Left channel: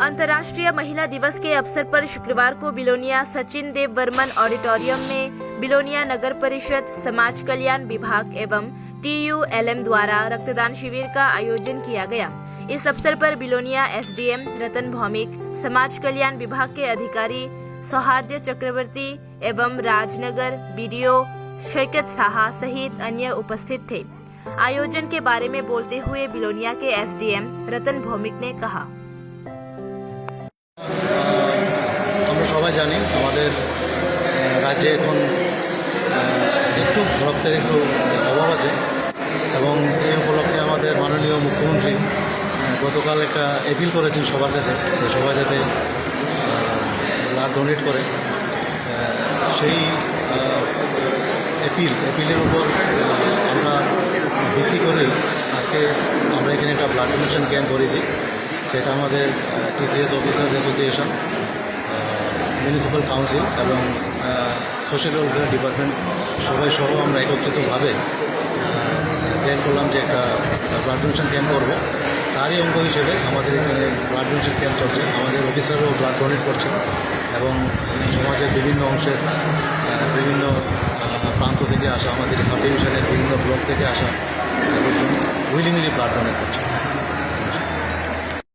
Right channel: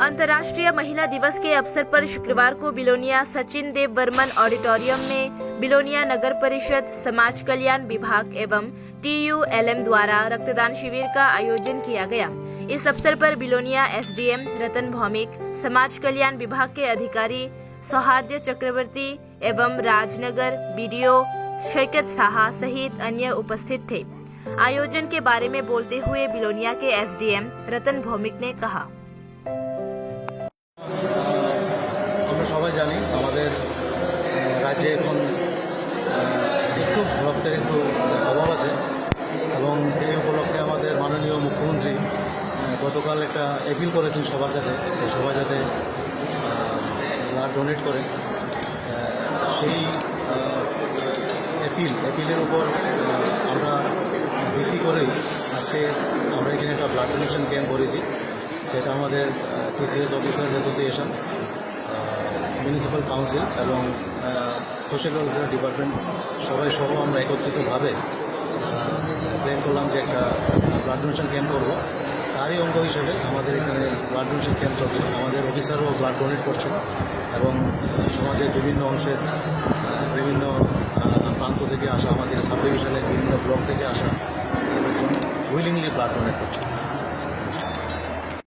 अंतर्राष्ट्रीय महिला दिवस के अवसर पर शुक्रवार को बिलोनिया सचिन देव बर्मन ऑडिटोरियम में बिलोनिया नगर परिषद, समाज कल्याण विभाग एवं TULM द्वारा रक्तदान शिविर का आयोजन किया गया। इस अवसर पर बिलोनिया SDM रतन भौमिक, समाज कल्याण विभाग के अधिकारी सौहार्द चक्रवर्ती एवं राजनगर BDO शैकत साहा सहित अन्य उपस्थित थे। आयोजन के बारे में बोलते हुए बिलोनिया के SDM रतन भौमिक ने कहा, আমরা সবাই জানি আমাদের রাজ্যে এখন একটু রক্তের একটু অভাব আছে এবং এই উপলক্ষে আমাদের মাননীয় মুখ্যমন্ত্রী গতকাল একটা অ্যাপিল করেছেন সবার কাছে যে সবাই যাতে ব্লাড ডোনেট করে। সেই অ্যাপিলের উপর আমরা ভিত্তি করে আজকে আমরা এখানে একটা ব্লাড ডোনেশন ক্যাম্প করেছি। সেটা আমাদের TCS officers association, municipal council এবং সোশ্যাল ওয়েলফেয়ার ডিপার্টমেন্ট সবাই সহ আমরা একত্রিতভাবে প্ল্যান করলাম যে একটা ব্লাড ডোনেশন ক্যাম্প করবো। তারই অঙ্গ হিসেবে আমাদের এখানে ব্লাড ডোনেশন ক্যাম্প চলছে। আমাদের অফিসারও ব্লাড ডোনেট করছে এবং সমাজের বিভিন্ন অংশের বিভিন্ন